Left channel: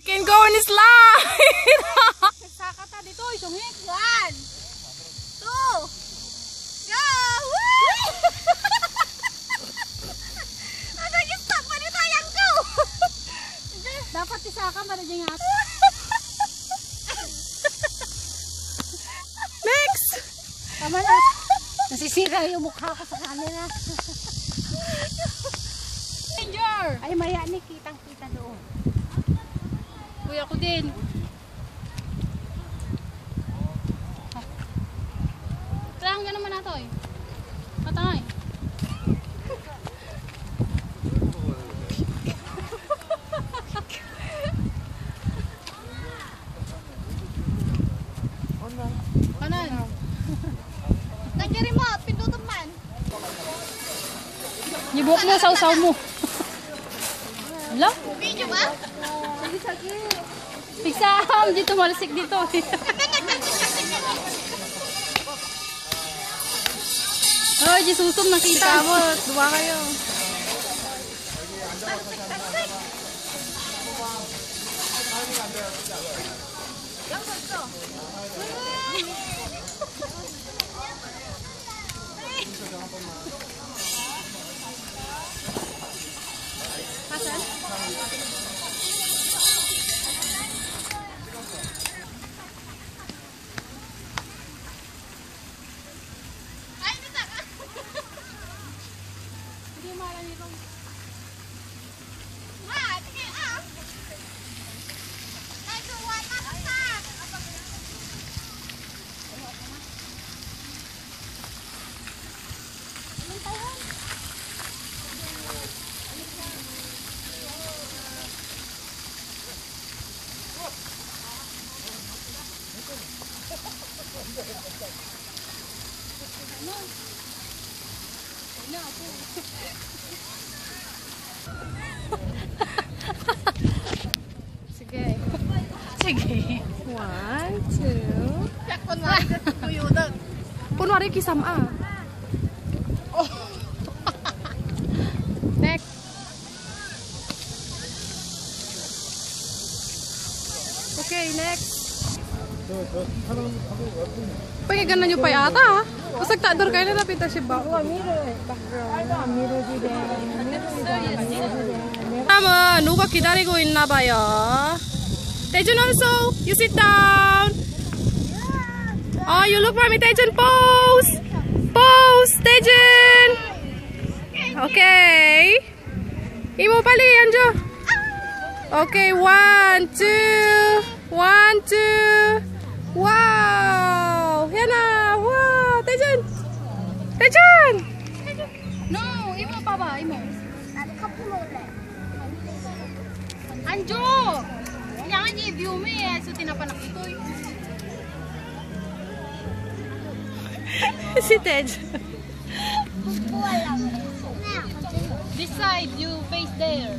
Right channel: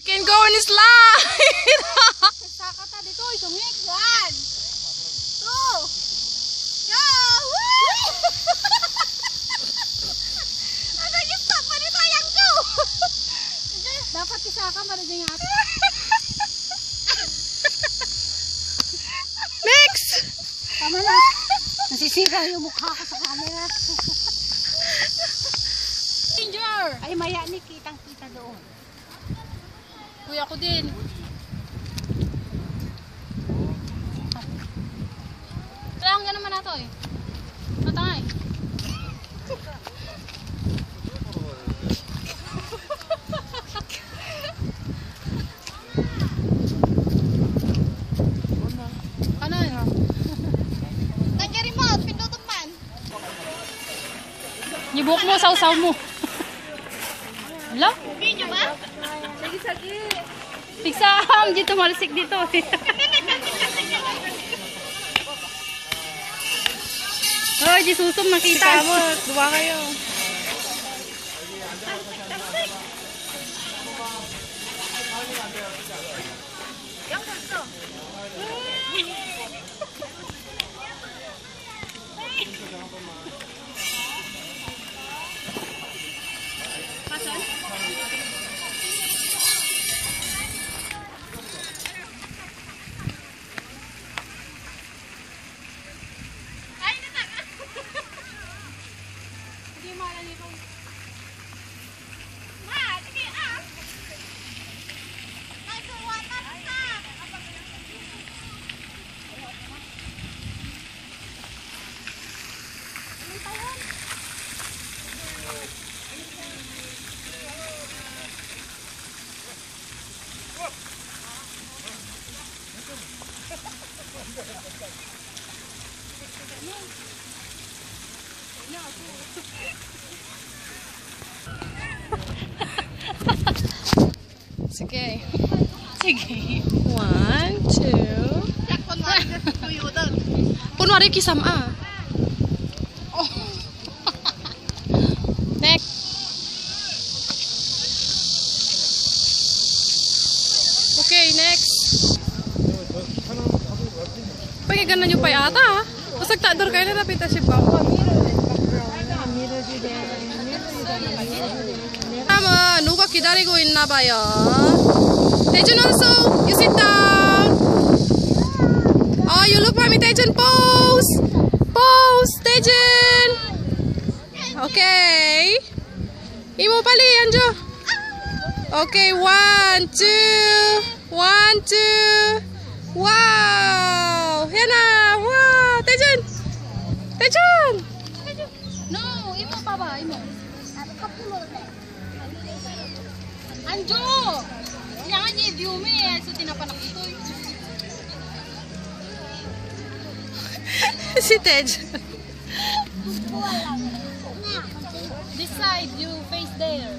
You can go in slide. Saka ta dito, isungik. 1, 2, go! Ano yung stop pa nito? Ayan ko! Dapat isaka para dyan nga. Next! Tama na. Nasisira yung mukha ko sa camera. Danger! Ay, maya ni kitang-kita doon. Kuya ko din. Kailangan ka naman nato eh. Matangay. Kanan. Nandiyan remote, pindutan man. Nibuk mo, saw-saw mo. Hala? Video ba? Sige-sige. Pigsam, dito malisik dito. Hoy, di susum nakita mo. Dua kayo. Yang gusto. Pasan? Sige. Sige. 1, 2. Kunwari kisam ah. Oh. Next. Okay, next. Pagkaganan nyo pa yata ha. Masag takdor kayo na napita si Bao. Tama, 누가 기다리고 있나 봐요. Taejun also, you sit down. Oh, you look for me, Taejun. Pose, pose, Taejun. Okay. Imo pali, Anjo. Okay, 1, 2, 1, 2. Wow, Yana, wow, Taejun, Taejun. No, imo pa ba? Imo. Anjo! Yan nga view mo eh. So tinapanak ito eh. Si Taejun. This side, you face there.